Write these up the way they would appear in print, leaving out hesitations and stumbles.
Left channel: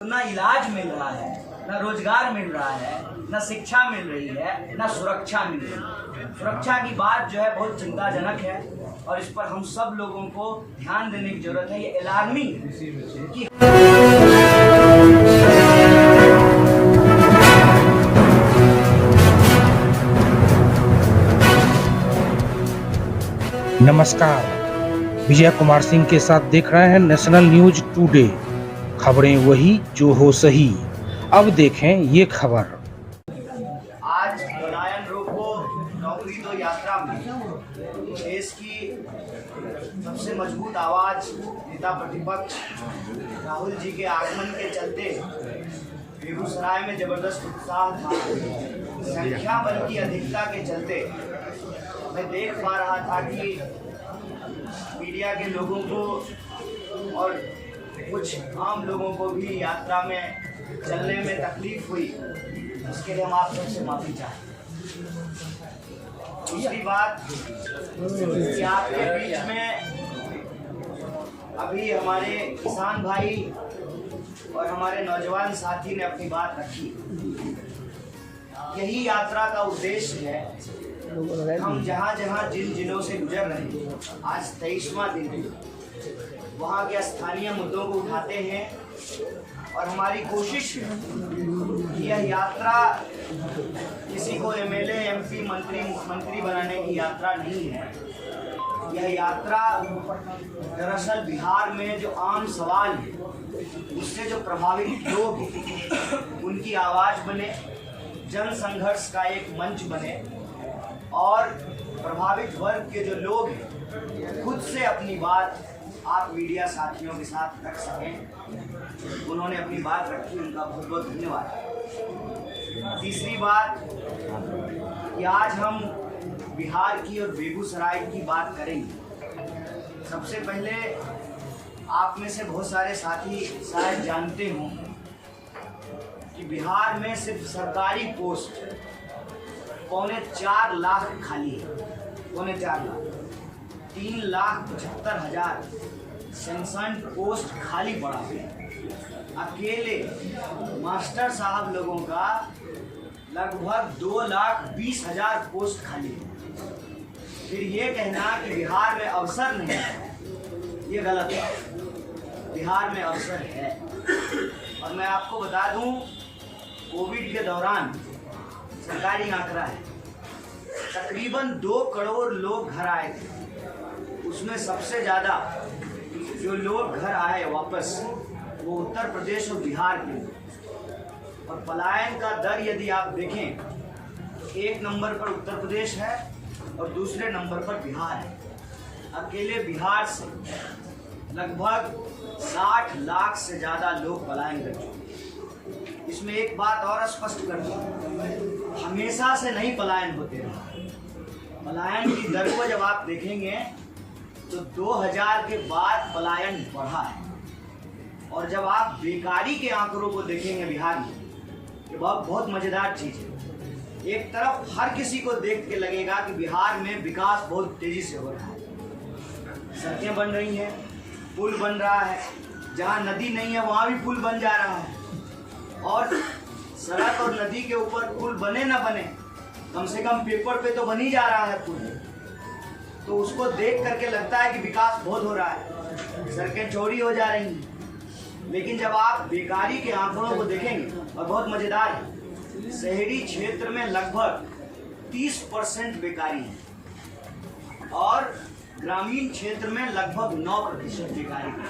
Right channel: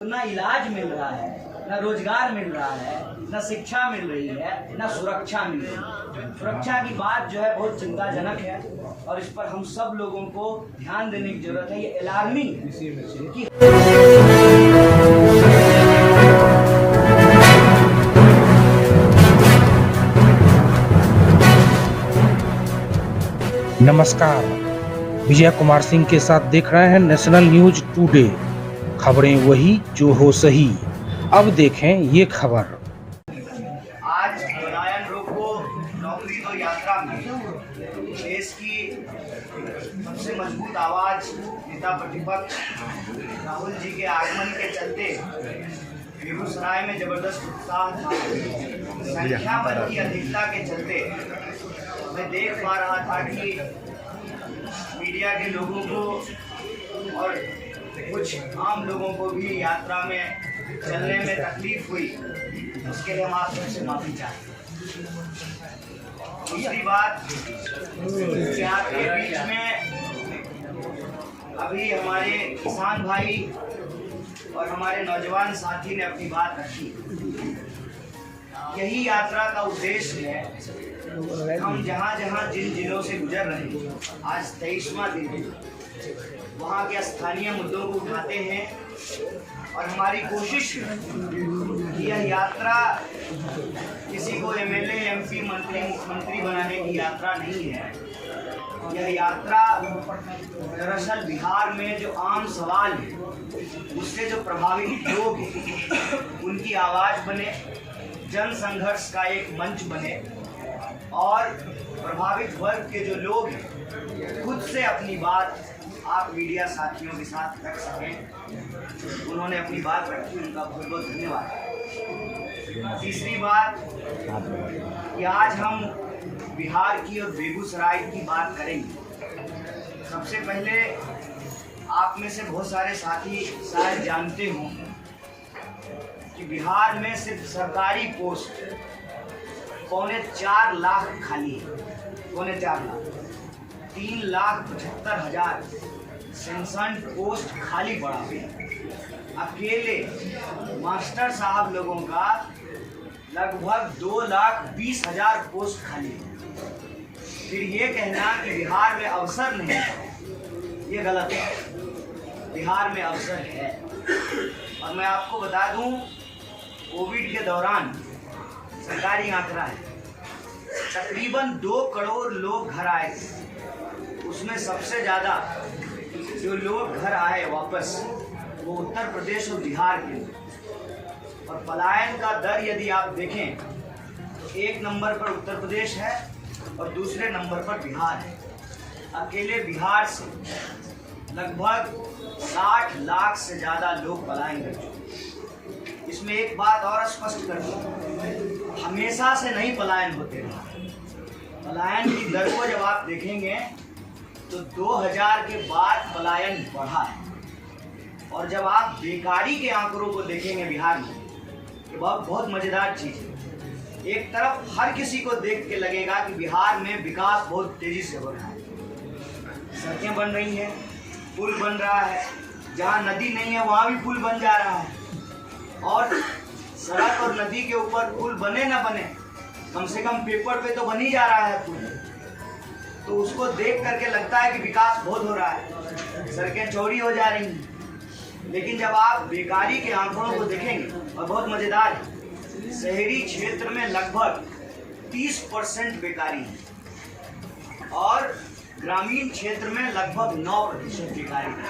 ना इलाज मिल रहा है, ना रोजगार मिल रहा है, ना शिक्षा मिल रही है, ना सुरक्षा मिल रही है। सुरक्षा की बात जो है बहुत चिंताजनक है और इस पर हम सब लोगों को ध्यान देने की जरूरत है। ये अलार्मिंग है कि नमस्कार, विजय कुमार सिंह के साथ देख रहे हैं नेशनल न्यूज टुडे। खबरें वही जो हो सही। अब देखें ये खबर। आज पलायन रोको नौकरी दो यात्रा में देश की सबसे मजबूत आवाज नेता प्रतिपक्ष राहुल जी के आगमन के चलते बेगूसराय में जबरदस्त उत्साह था। संख्या बल की अधिकता के चलते मैं देख पा रहा था कि मीडिया के लोगों को और कुछ आम लोगों को भी यात्रा में चलने में तकलीफ हुई। उसके लिए हम आप सबसे माफी चाहते हैं। दूसरी बात कि आपके बीच में अभी हमारे किसान भाई और हमारे नौजवान साथी ने अपनी बात रखी। यही यात्रा का उद्देश्य है। हम जहाँ जहाँ जिन जिलों से गुजर रहे हैं, आज 23वां दिन है, वहाँ के स्थानीय मुद्दों को उठाते हैं और हमारी कोशिश है कि यह यात्रा किसी को एमएलए, एमपी, मंत्री, मुख्यमंत्री बनाने की यात्रा नहीं है। यह यात्रा दरअसल बिहार में जो आम सवाल है, उससे जो प्रभावित लोग हैं, उनकी आवाज़ बने, जन संघर्ष का एक मंच बने और प्रभावित वर्ग के जो लोग हैं खुद से अपनी बात आप मीडिया साथियों के साथ रख सकें। उन्होंने अपनी बात रखी, उनका बहुत बहुत धन्यवाद। तीसरी बात कि आज हम बिहार की और बेगूसराय की बात करेंगे। सबसे पहले आप में से बहुत सारे साथी शायद जानते हों कि बिहार में सिर्फ सरकारी पोस्ट 4.25 लाख खाली है। 4.25 लाख, 3,75,000 सेंसन पोस्ट खाली पड़ा हुआ। अकेले मास्टर साहब लोगों का लगभग 2,20,000 पोस्ट खाली है। फिर ये कहना कि बिहार में अवसर नहीं है, ये गलत है। बिहार में अवसर है। और मैं आपको बता दूं, कोविड के दौरान सरकारी आंकड़ा है, तकरीबन 2 करोड़ लोग घर आए थे। उसमें सबसे ज़्यादा जो लोग घर आए वापस, वो उत्तर प्रदेश और बिहार के। और पलायन का दर यदि आप देखें, 1 नंबर पर उत्तर प्रदेश है और दूसरे नंबर पर बिहार है। अकेले बिहार से लगभग 60 लाख से ज़्यादा लोग पलायन कर चुके। इसमें एक बात और स्पष्ट कर दूं, हमेशा से नहीं पलायन होते रहा। पलायन की दर को जब आप देखेंगे तो 2000 के बाद पलायन बढ़ा है। और जब आप बेकारी के आंकड़ों को देखेंगे बिहार में, ये बहुत मजेदार चीज है। एक तरफ हर किसी को देख के लगेगा कि बिहार में विकास बहुत तेजी से हो रहा है। सड़कें बन रही हैं, पुल बन रहा है, जहाँ नदी नहीं है वहाँ भी पुल बन जा रहा है। और सड़क और नदी के ऊपर पुल बने ना बने, कम से कम पेपर पे तो बन ही जा रहा है पुल। तो उसको देख करके लगता है कि विकास बहुत हो रहा है, सड़कें चौड़ी हो जा रही हैं। लेकिन जब आप बेकारी के आंकड़ों को देखेंगे, और बहुत मजेदार है, शहरी क्षेत्र में लगभग 30% बेकारी है और ग्रामीण क्षेत्र में लगभग 9% बेकारी है।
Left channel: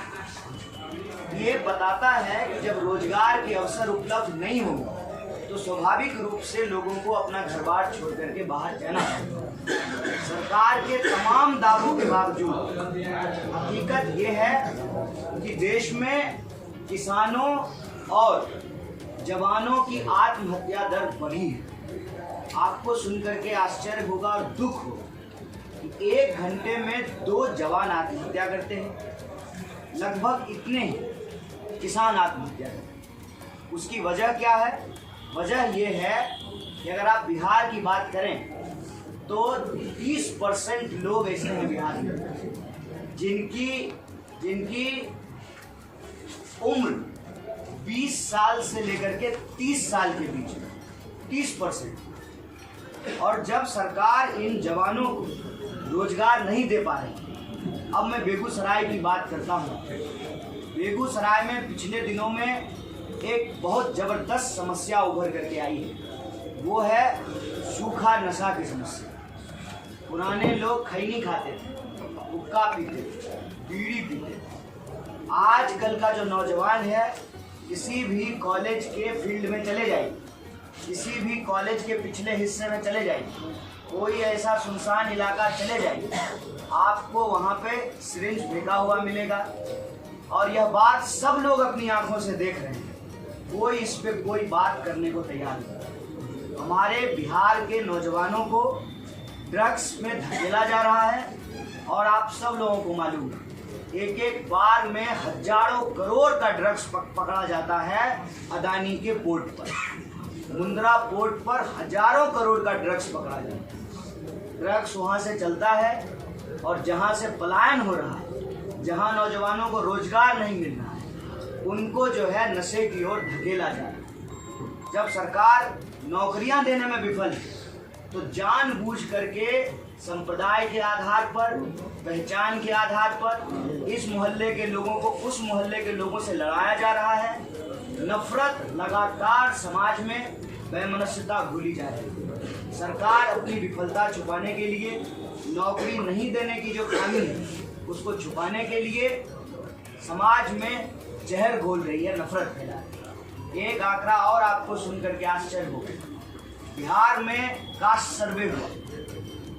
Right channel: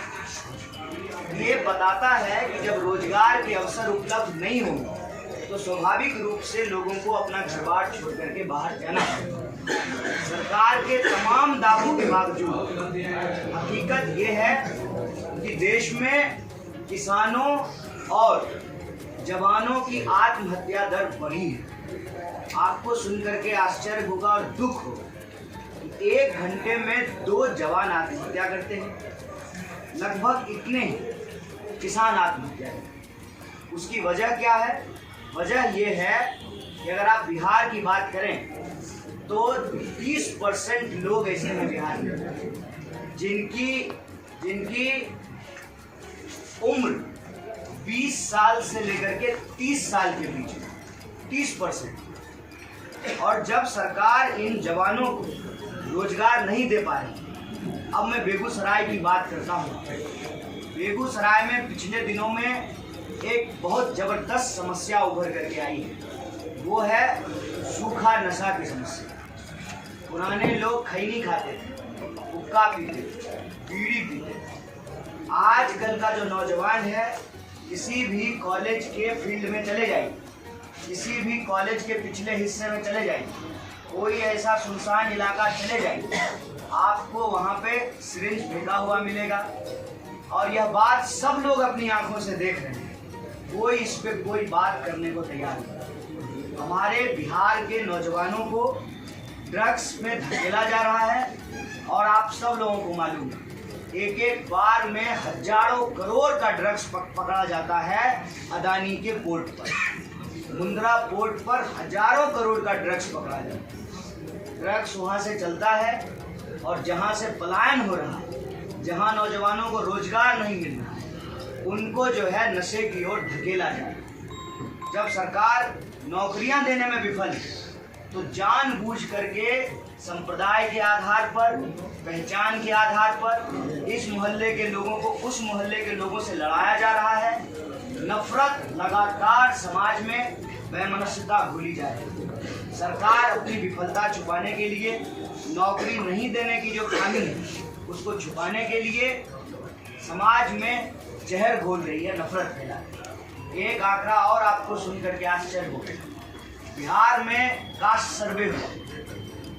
ये बताता है कि जब रोजगार के अवसर उपलब्ध नहीं होंगे तो स्वाभाविक रूप से लोगों को अपना घर बार छोड़ करके बाहर जाना है। सरकार के तमाम दावों के बावजूद हकीकत ये है कि देश में किसानों और जवानों की आत्महत्या दर बढ़ी है। आपको सुनकर के आश्चर्य होगा और दुख होगा कि 1 घंटे में 2 जवान आत्महत्या करते हैं। लगभग इतने ही किसान आत्महत्या करते हैं। उसकी वजह क्या है? वजह ये है कि अगर आप बिहार की बात करें तो 30% लोग ऐसे हैं बिहार में जिनकी उम्र 20 साल से लेकर के 30 साल के बीच में 30%। और जब सरकार इन जवानों को रोजगार नहीं दे पा रही, अब मैं बेगूसराय की बात करता हूँ। बेगूसराय में पिछले दिनों में एक बहुत ज़बरदस्त समस्या उभर करके आई है, वो है सूखा नशा की समस्या। पुराने लोग खैनी खाते थे, हुक्का पीते थे, बीड़ी पीते थे। आजकल का जो नौजवान है, किसी भी कॉलेज के फील्ड में चले जाइए, किसी भी कॉलेज के पिछले हिस्से में चले जाइए, कोई ऐसा सुनसान इलाका चले जाइए, आपको वहाँ पे सिरिंज फेंका हुआ मिलेगा। और यह बात सब लोग अपनी आंखों से देख रहे हैं, कोई इस पे कोई बात करने को तैयार नहीं। हमारे बिहार के नौजवानों को ड्रग्स में धकेला जा रहा है और आप सब लोगों को मालूम है, एक एक बार में हजारों करोड़ का ड्रग्स पकड़ा जाता है। अदानी के पोर्ट पर, मुंद्रा पोर्ट पर हजारों करोड़ का ड्रग्स पकड़ा जाता है। ड्रग्स वहाँ से चलता है और जहाँ से पलायन हो रहा है, जहाँ नौजवानों को रोजगार नहीं मिल रहा है, उनको जो है नशे की ओर धकेला जाए। जब सरकार नौकरियां देने में विफल है, तो जानबूझ करके संप्रदाय के आधार पर, पहचान के आधार पर इस मोहल्ले के लोगों को उस मोहल्ले के लोगों से लड़ाया जा रहा है। नफरत लगातार समाज में वैमनस्यता घुली जा रही है। सरकार अपनी विफलता छुपाने के लिए, नौकरी नहीं देने की जो खामी है उसको छुपाने के लिए समाज में जहर घोल रही है, नफरत फैला रही है। एक आंकड़ा और आपको सुन करके आश्चर्य होगा। बिहार में कास्ट सर्वे हुआ,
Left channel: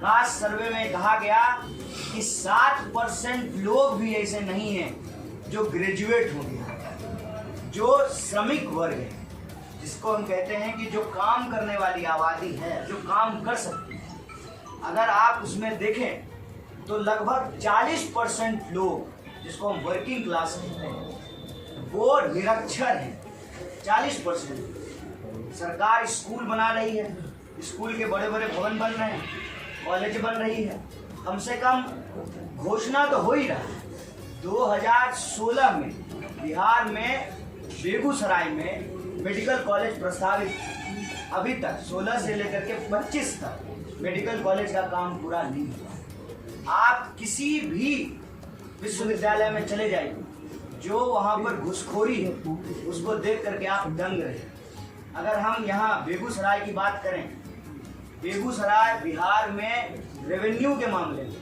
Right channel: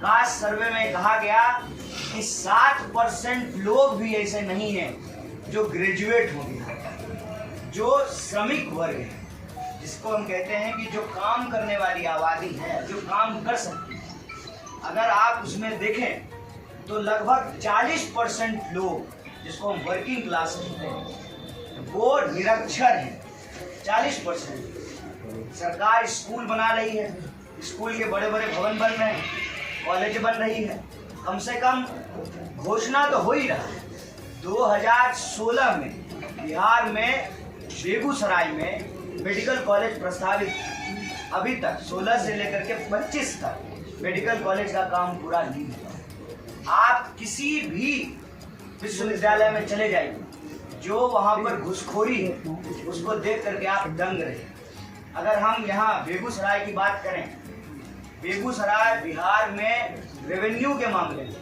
कास्ट सर्वे में कहा गया कि 7% लोग भी ऐसे नहीं हैं जो ग्रेजुएट हो गए, जो श्रमिक वर्ग है, जिसको हम कहते हैं कि जो काम करने वाली आबादी है, जो काम कर सकती है। अगर आप उसमें देखें तो लगभग 40% लोग, जिसको हम वर्किंग क्लास कहते हैं, वो निरक्षर हैं। 40%। सरकार स्कूल बना रही है, स्कूल के बड़े बड़े भवन बन रहे हैं, कॉलेज बन रही है, कम से कम घोषणा तो हो ही रहा है। 2016 में बिहार में बेगूसराय में मेडिकल कॉलेज प्रस्तावित, अभी तक 16 से लेकर के 25 तक मेडिकल कॉलेज का काम पूरा नहीं हुआ। आप किसी भी विश्वविद्यालय में चले जाइए, जो वहाँ पर घुसखोरी है उसको देख करके आप दंग रहे। अगर हम यहाँ बेगूसराय की बात करें, बेगूसराय बिहार में रेवेन्यू के मामले में,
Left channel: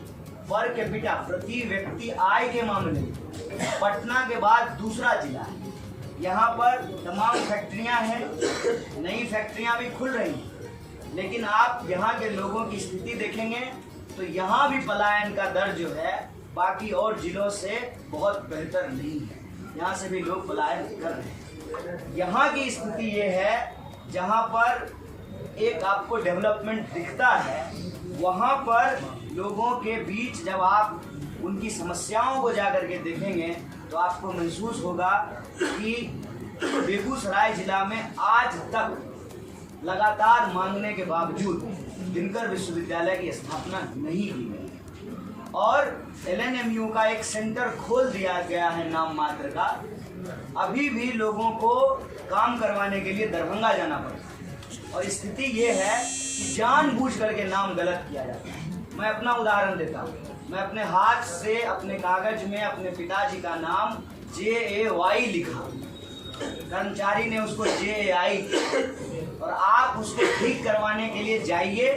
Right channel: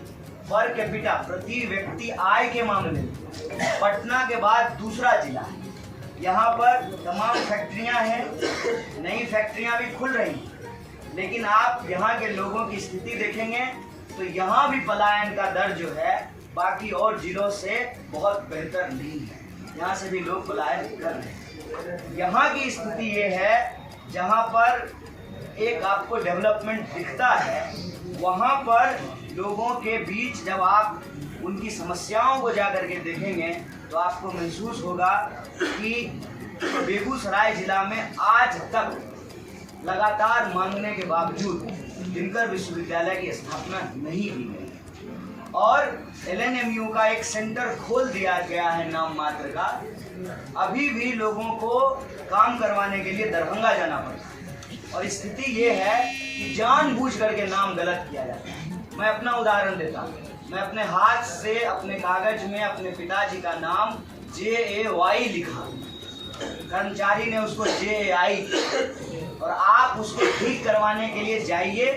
पर कैपिटा प्रति व्यक्ति आय के मामले में पटना के बाद दूसरा जिला है। यहाँ पर तमाम फैक्ट्रियाँ हैं, नई फैक्ट्रियाँ भी खुल रही हैं, लेकिन आप यहाँ के लोगों की स्थिति देखेंगे तो यहाँ भी पलायन का दर जो है बाकी और जिलों से बहुत बेहतर नहीं है। यहाँ से भी लोग पलायन कर रहे हैं। यहाँ की स्थिति ये है, जहाँ पर एक आपको डेवलपमेंट दिखता है, वहाँ पर लोगों के बीच जब आप उनकी समस्याओं को जा करके देखेंगे तो आपको महसूस होगा कि बेगूसराय जिला में आज तक लगातार मांगने के बावजूद दिनकर विश्वविद्यालय की स्थापना नहीं की गई। और LNMU का एक सेंटर खोल दिया गया है नाम मात्र का, अभी भी लोगों को काम करवाने के लिए दरभंगा जाना पड़ता है। और स्थिति ये है कि जानबूझ करके नाम गलत किया जाता है। मैं अपना उदाहरण देता हूँ। मैं अपने हाथ से अपने कागज में अपने पिताजी का नाम JAY लिखा, कर्मचारी ने उसको JAI, और आप उसको ठीक करवाने के लिए जाइए,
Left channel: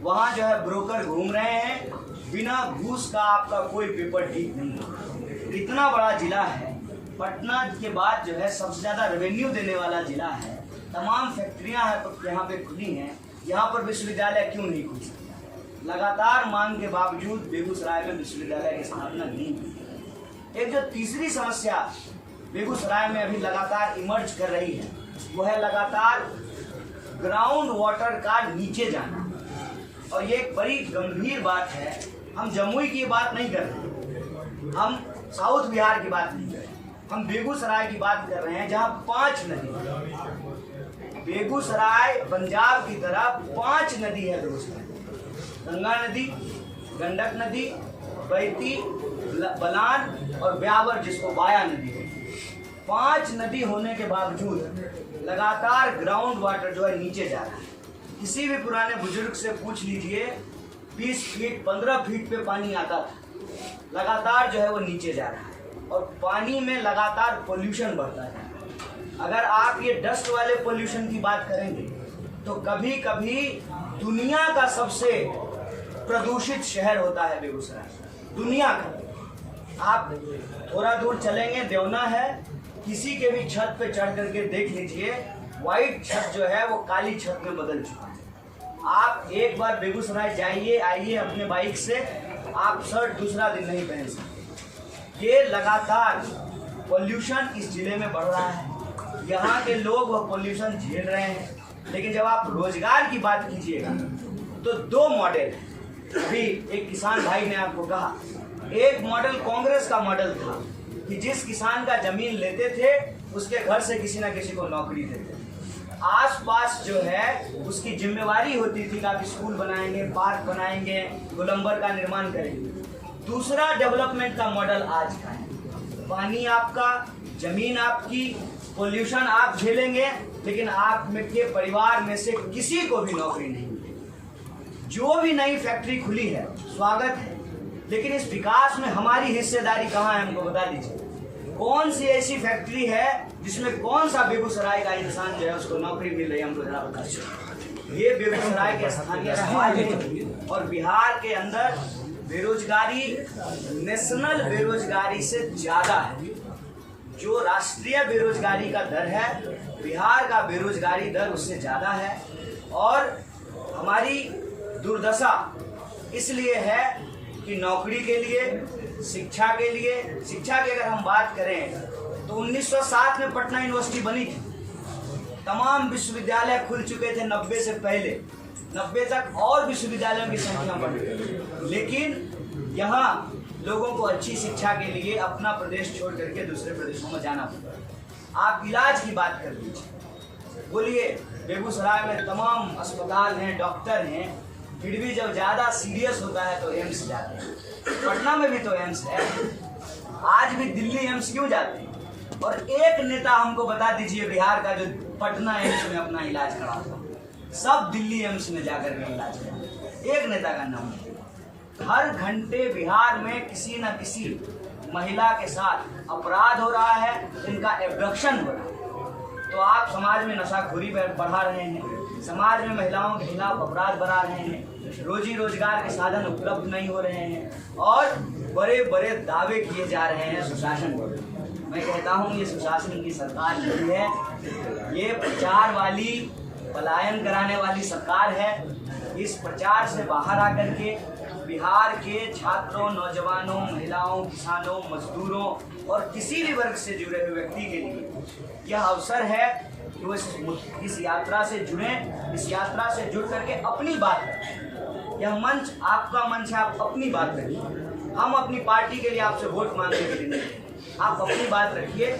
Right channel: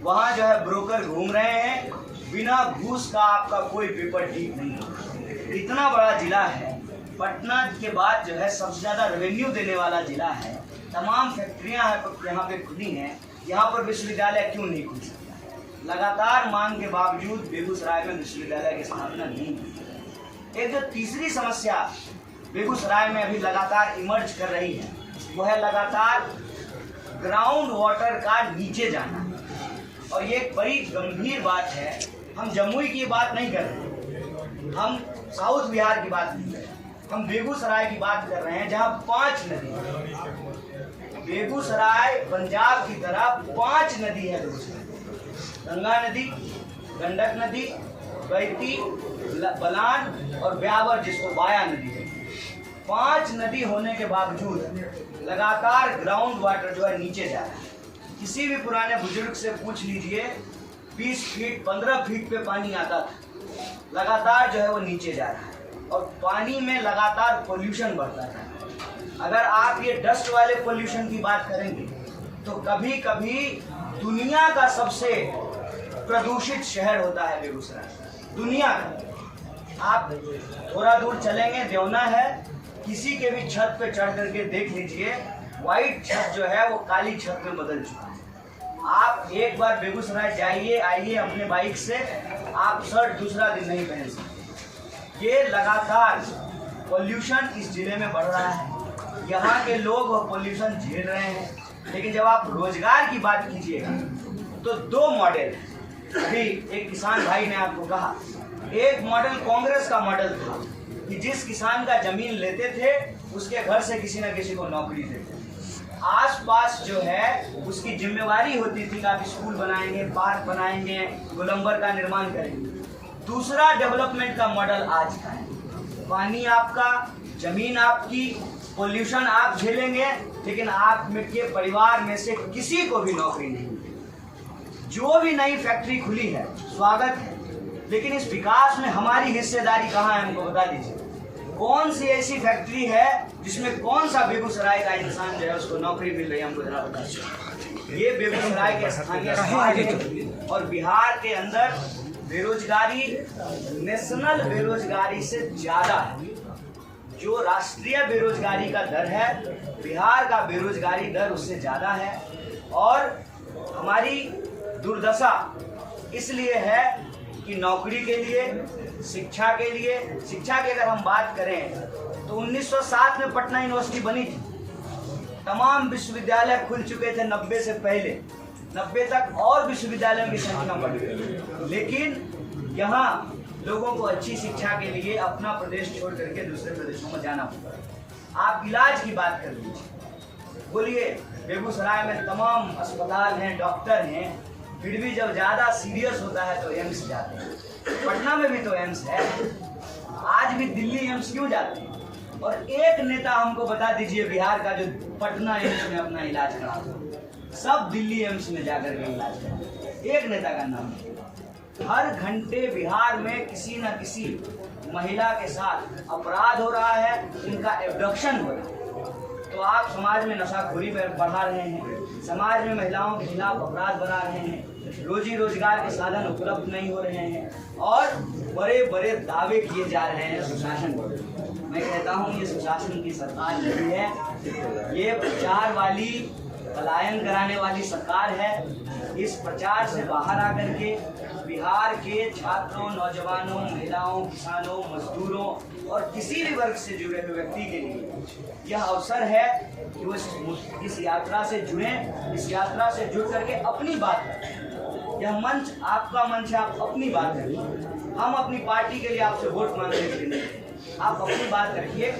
वहाँ जो है ब्रोकर घूम रहे हैं, बिना घूस का आपका कोई पेपर ठीक नहीं होगा। इतना बड़ा जिला है, पटना के बाद जो है सबसे ज़्यादा रेवेन्यू देने वाला जिला है, तमाम फैक्ट्रियाँ हैं यहाँ पे खुली हैं, यहाँ पर विश्वविद्यालय क्यों नहीं खुल सकता? लगातार मांग के बावजूद बेगूसराय में विश्वविद्यालय की स्थापना नहीं हुई। एक जो तीसरी समस्या बेगूसराय में अभी लगातार इमर्ज कर रही है, वो है लगातार ग्राउंड वाटर का नीचे जाना। और ये एक बड़ी गंभीर बात है। हम जमुई की बात नहीं कर रहे, हम साउथ बिहार की बात नहीं कर रहे, हम बेगूसराय की बात कर रहे हैं, जहाँ 5 नदी है। बेगूसराय पंजाब की तरह 5 नदी है बेगूसराय। गंगा नदी, गंडक नदी, बैती, बलान और ब्यावर, जिसको बाया नदी है। 5 नदी होने के बावजूद लगातार ग्राउंड वाटर जो है नीचे जा रहा है। किसी भी पुराने बुजुर्ग से पूछ लीजिए, 20 फीट 15 फीट पे पानी आता था, लगातार जो है वो नीचे जा रहा है और पानी में लगातार पोल्यूशन बढ़ता है। अगर आप ये डस्ट वाले पोल्यूशन की बात करेंगे तो कभी कभी दुनिया का सबसे प्रदूषित शहर होता है बेगूसराय, दुनिया का। आप थोड़ा दूर चलेंगे, देवना है, किसी के भी छत पे चढ़ करके देख लीजिए, वाइट छत जो है वो काली छत में बदल चुका है। आप एक बार बेगूसराय जाइए आइए अपने बाइक से, आप शर्ट दूसरा दिन नहीं पहन सकते। ये लगातार पोल्यूशन इस जिले में बढ़ रहा है, यहाँ के लोग वो पोल्यूशन झेल रहे हैं। लेकिन जब आप रोजगार की बात कीजिएगा तो 2 मॉडल है। अभी एक किसान भाई ने आपको कहा, एक मॉडल कांग्रेस का मॉडल था कि जिस किसान का जमीन लेते थे उसके घर से किसी ना किसी को नौकरी देते थे। आसपास जो है उसकी जिम्मेवारी होती थी कि आप स्कूल बनाएंगे, पार्क बनाएंगे, गोलंबर का निर्माण करेंगे। दूसरा डेवलपमेंट का मॉडल आज का है, पानी आपका, जमीन आपकी, पोल्यूशन आप झेलेंगे, लेकिन आप के परिवार में से किसी को भी नौकरी नहीं मिलेगी। जो भी नई फैक्ट्री खुली है स्वागत है, लेकिन इस विकास में हमारी हिस्सेदारी कहाँ है, हमको बता दीजिए। कौन सी ऐसी फैक्ट्री है जिसमें कौन सा बेगूसराय का इंसान जो है उसको नौकरी मिल रही है, हमको जरा बता दीजिए। ये बेगूसराय के स्थानीय समाज है और बिहार के अंदर बेरोजगारी नेशनल बेरोजगारी से ज्यादा है। जो राष्ट्रीय बेरोजगारी का दर है, बिहार का बेरोजगारी दर उससे ज्यादा है। और हमारी दुर्दशा इसलिए है कि नौकरी के लिए, शिक्षा के लिए, शिक्षा की अगर हम बात करें तो 1907 में पटना यूनिवर्सिटी बनी थी। तमाम विश्वविद्यालय खुल चुके थे 90 से पहले, 90 तक और विश्वविद्यालयों की संख्या बढ़ गई। लेकिन यहाँ लोगों को अच्छी शिक्षा के लिए अपना प्रदेश छोड़ करके दूसरे प्रदेशों में जाना पड़ता। आप इलाज की बात कर लीजिए, बोलिए बेगूसराय में तमाम अस्पताल हैं, डॉक्टर हैं, फिर भी जब ज़्यादा सीरियस होता है तो एम्स जाते हैं। पटना में भी तो एम्स है, आज भी दिल्ली एम्स क्यों जाते हैं? और एक नेता हमको बता दीजिए बिहार का जो पटना एम्स में अपना इलाज कराता, सब दिल्ली एम्स में जाकर के इलाज कराते, एक नेता का नाम नहीं। हर घंटे बिहार में किसी न किसी महिला के साथ अपराध हो रहा है, उनका एब्डक्शन हो रहा है। तो आप समाज में नशाखोरी बढ़ा रहे हैं, समाज में महिलाओं के खिलाफ अपराध बढ़ा रहे हैं, रोजी रोजगार के साधन उपलब्ध नहीं हो रहे हैं और बड़े बड़े दावे किए जा रहे हैं सुशासन को। मैं कहता हूँ ये सुशासन की सरकार नहीं है, ये प्रचार वाली, पलायन कराने वाली सरकार है। इस प्रचार से बाहर आकर के बिहार के छात्रों, नौजवानों, महिलाओं, किसानों, मजदूरों और किसी भी वर्ग से जुड़े हुए व्यक्ति के लिए यह अवसर है कि वो इस यात्रा से जुड़ें, इस यात्रा से जुड़ करके अपनी बात रखें। यह मंच आपका मंच है, आप अपनी बात रखिए। हम अपनी पार्टी के लिए आपसे वोट मांगने के लिए नहीं, आप अपनी बात रखिए।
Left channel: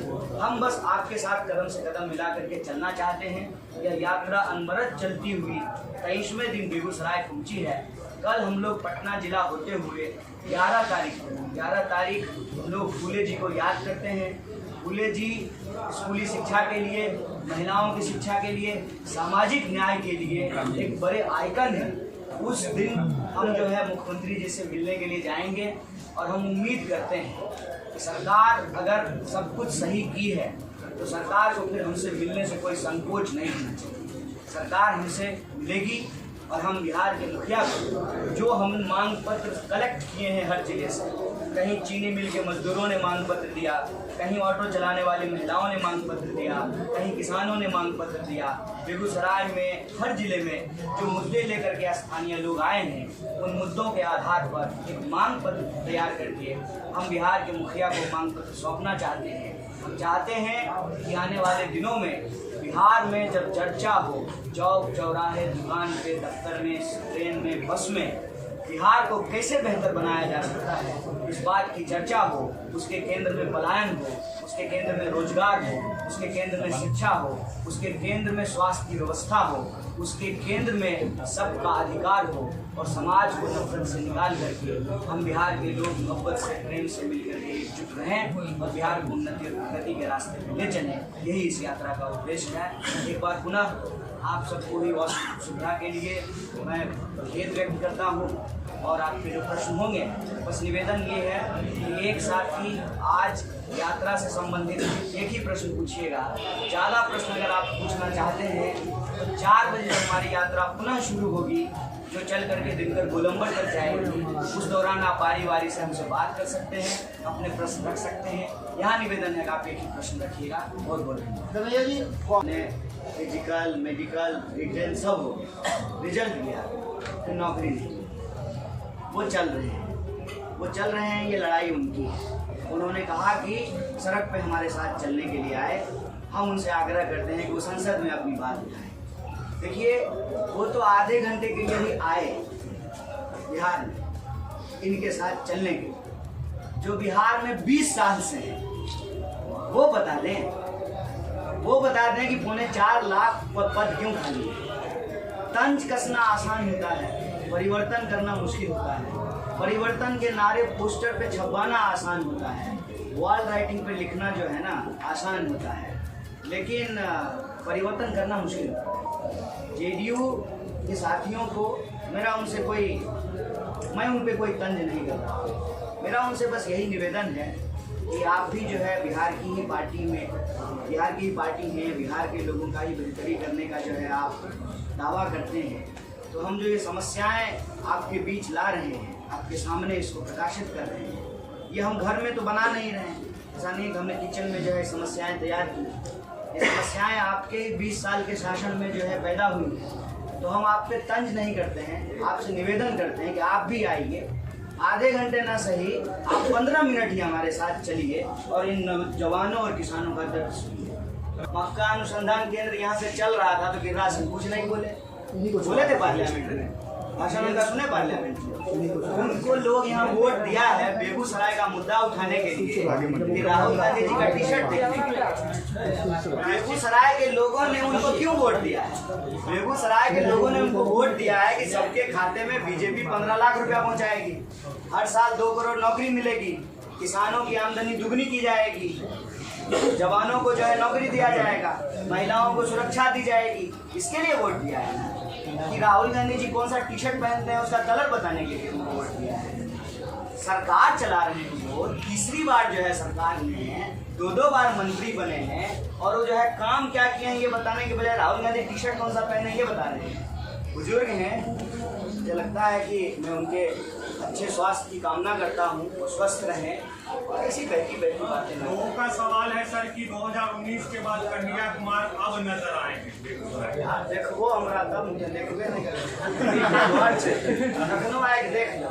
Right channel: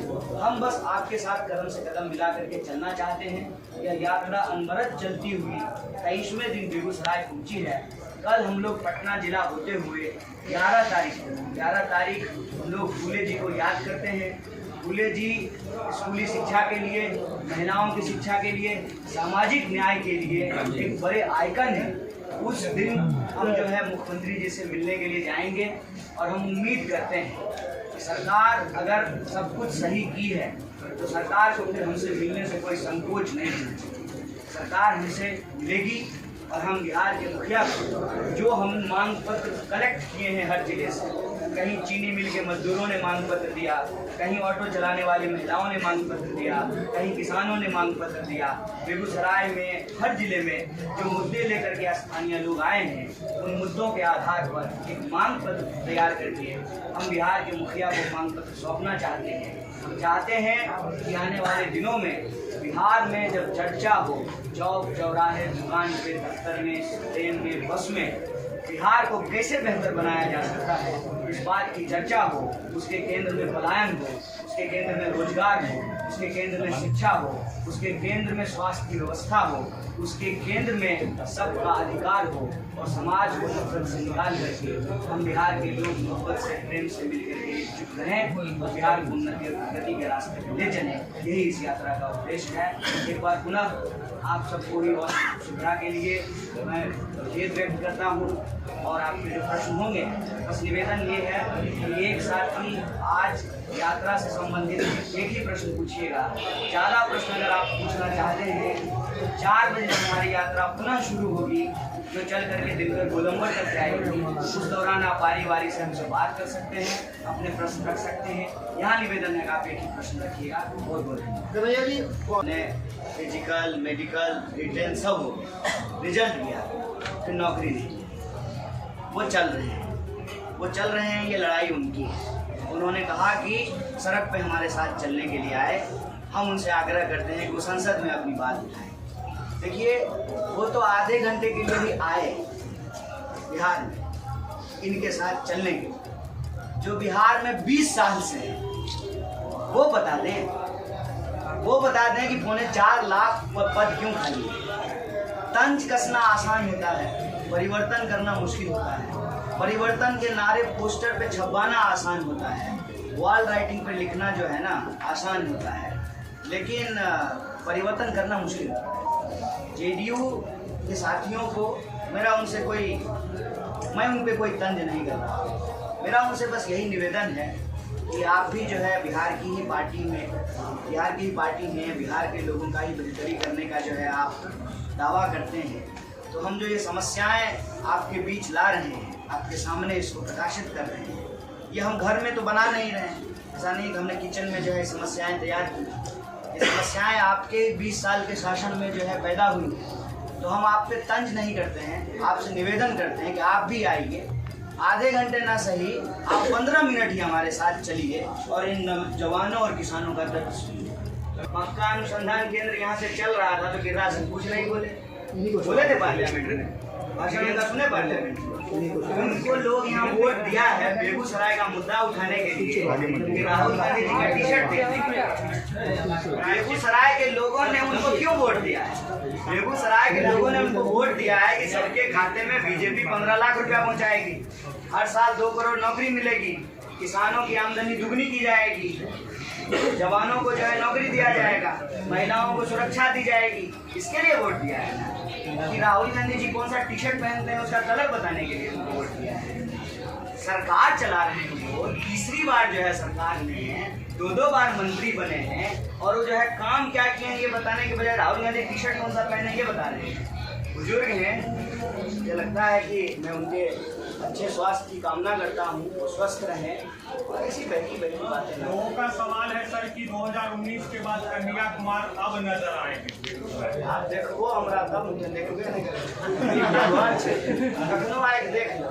हम बस आपके साथ कदम से कदम मिला करके चलना चाहते हैं। यह यात्रा अनवरत चलती हुई 23वें दिन बेगूसराय पहुंची है। कल हम लोग पटना जिला होते हुए 11 तारीख हम लोग फूले जी को याद करते हैं। फूले जी स्कूली शिक्षा के लिए, महिलाओं की शिक्षा के लिए, सामाजिक न्याय के लिए एक बड़े आइकन है। उस दिन हम जो है मुख्यमंत्री जी से मिलने के लिए जाएंगे और हम उम्मीद करते हैं कि सरकार अगर सब कुछ सही की है तो सरकार को फिर हमसे मिलने से कोई संकोच नहीं होना चाहिए। सरकार हमसे मिलेगी और हम बिहार के मुखिया को जो हम मांग पत्र कलेक्ट किए हैं हर जिले से, कहीं चीनी मिल के मजदूरों ने मांग पत्र दिया, कहीं ऑटो चलाने वाली महिलाओं ने मांग पत्र दिया, कहीं किसानों ने मांग पत्र दिया। बेगूसराय में हर जिले में जो मुद्दे लेकर के स्थानीय लोग आए हैं, उन मुद्दों के आधार पर एक मांग पत्र तैयार करके हम बिहार के मुखिया को मांग पत्र सौंपना चाहते हैं। हम चाहते हैं कि आने वाले दिनों में बिहार में जब चर्चा हो, चौक चौराहे, दुकान पे, दफ्तर में, ट्रेन में, बस में, बिहार को कैसे बेहतर बनाया जा सकता है, इस बात की चर्चा हो। उसके केंद्र में पलायन हो, उसके केंद्र में रोजगार हो, उसके केंद्र में शिक्षा हो, उसके केंद्र में स्वास्थ्य की व्यवस्था हो, उसके केंद्र में सबका अधिकार हो और समाज को नफरत से निकाल करके हम बिहार के लोग मोहब्बत से, प्रेम से मिलकर के एकजुट रहें और बिहार को उन्नति और प्रगति के रास्ते पर ले चलें। यही इस यात्रा का उद्देश्य है। एक बार पुनः आप सबको ही सुविधा के लिए मैं खेद व्यक्त करता हूँ और आपके जो प्रश्न होंगे, बस निवेदन ये है कि एक साथ ही आज यात्रा से संबंधित एक ही प्रश्न पूछिएगा। ज़्यादा प्रश्न अगर आप पूछना चाहते हैं तो 4 बजे जब हमारी यात्रा पुनः शुरू होगी, जो चल करके दिनकर गोलंबर तक जाएगी, उस दौरान आप बारी बारी से हमसे बात कर सकते हैं, अपने प्रश्न रख सकते हैं। यहाँ निवेदन है कि आप एक ही प्रश्न रखिएगा। बहुत बोलेंगे फिजिकल, मेडिकल, रिटेन सब हो गया, रिजल्ट दिया, फिर नौकरी नहीं, वो चल रहे हैं। ये लड़ाई उनकी है। उन्होंने कहा कि सड़क पे हमारे साथ चलने के लिए आए। हम उनसे आग्रह करते हैं कि वो संसद में अपनी बात उठाएं। देखिए, वो तो आधे घंटे के लिए भी आए बिहार में इनके साथ चलने के, जो बिहार में 20 साल से हैं, वो बता दें कि 4.25 लाख पद क्यों खाली है। तंज कसना आसान होता है, परिवर्तन करना मुश्किल होता है। परिवर्तन के नारे पोस्टर पे छपवाना आसान होता है, वॉल राइटिंग पे लिखना जो है ना आसान होता है, लेकिन परिवर्तन करना मुश्किल होता है। जेडीयू के साथियों को मैं उन पे कोई तंज नहीं कर रहा। मेरा उनसे बस यही निवेदन है कि आप भी जो है बिहार की ही पार्टी हैं, बिहार के लोगों का ही बेहतरी करने का जो है आप दावा करते हैं, तो हम जो ये समस्याएं आपके बीच ला रहे हैं, आपके सामने इसको प्रकाशित कर रहे हैं, ये हम घर में तो बना नहीं रहे हैं। ऐसा नहीं कि हमने किचन में जो है समस्याएं तैयार की। ये समस्याएं आपके 20 साल के शासन में जो है पैदा हुई हैं, तो हम आप पे तंज नहीं करते हैं, आपसे निवेदन करते हैं कि आप भी आइए। आधे घंटे ना सही, आप 15 मिनट ही हमारे साथ चलिए और इन जवानों और किसानों का दर्द सुनिए। मक्का अनुसंधान केंद्र यहाँ से चल रहा था तो गिरिराज सिंह कुछ नहीं बोले थे पार्लियामेंट में, भाषण उनका सुने पार्लियामेंट में। उनको लोग यहाँ वोट दिया है बेगूसराय का मुद्दा उठाने के लिए कि राहुल गांधी जी का टी-शर्ट देखने। बेगूसराय के लोगों ने उनको क्यों वोट दिया है? बेगूसराय के लोगों ने उनको वोट दिया है कि सबके खाते में बीजेपी 15 लाख रुपया पहुँचाएगी, हर साल 2 करोड़ नौकरी मिलेगी, किसानों की आमदनी दुगनी की जाएगी, जवानों को जो है नौकरी दिया जाएगा, महिलाओं को सुरक्षा दी जाएगी। इसके लिए वोट दिया है ना कि राहुल गांधी जी कौन सा टी-शर्ट पहनते हैं उसका कलर बताने के लिए उनको वोट दिया है। सरकार चला रहे हैं वो, तीसरी बार जो है सरकार में है, 2 बार मंत्री बने हैं, और वो जो है काम क्या किए हैं ये बताने के बजाय राहुल गांधी टी-शर्ट कौन सा पहने ये बता रहे हैं। बुजुर्ग हैं, मुझे लगता है कि मैं उनके अच्छे स्वास्थ्य की कामना करता हूँ, वो स्वस्थ रहें और ऐसी बैठी बातें ना। लोगों का सवाल है सर कि 2019 के बाद कन्हैया कुमार अब नजर आएंगे। आप देखो हमारा दम मुझे देखबे नहीं करेंगे, लखनऊ आए देख लो।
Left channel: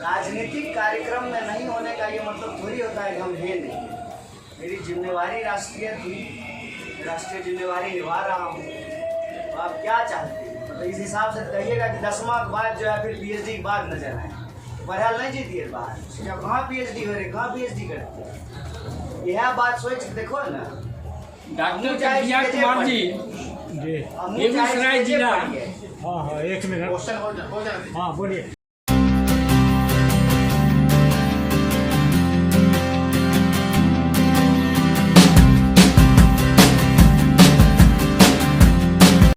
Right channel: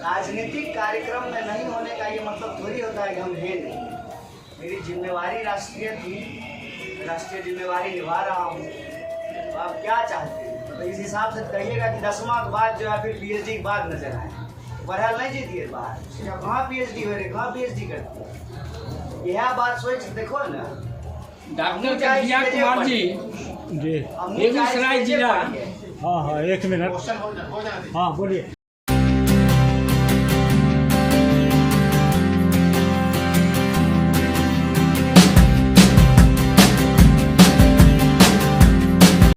राजनीतिक कार्यक्रम में नहीं होने का ये मतलब थोड़ी होता है कि हम है नहीं। मेरी जिम्मेवारी राष्ट्रीय थी, राष्ट्रीय जिम्मेवारी निभा रहा हूँ। तो आप क्या चाहते हैं? तो इस हिसाब से कहिएगा कि 10वां के बाद जो है फिर PhD के बाद नजर आए। बहरहाल नहीं जीती है बात, कहाँ PhD हो रही, कहाँ PhD करती है? यह बात सोच देखो ना। डॉक्टर कन्हैया कुमार जी जी बेगूसराय जिला। हाँ 1 मिनट। हाँ बोलिए।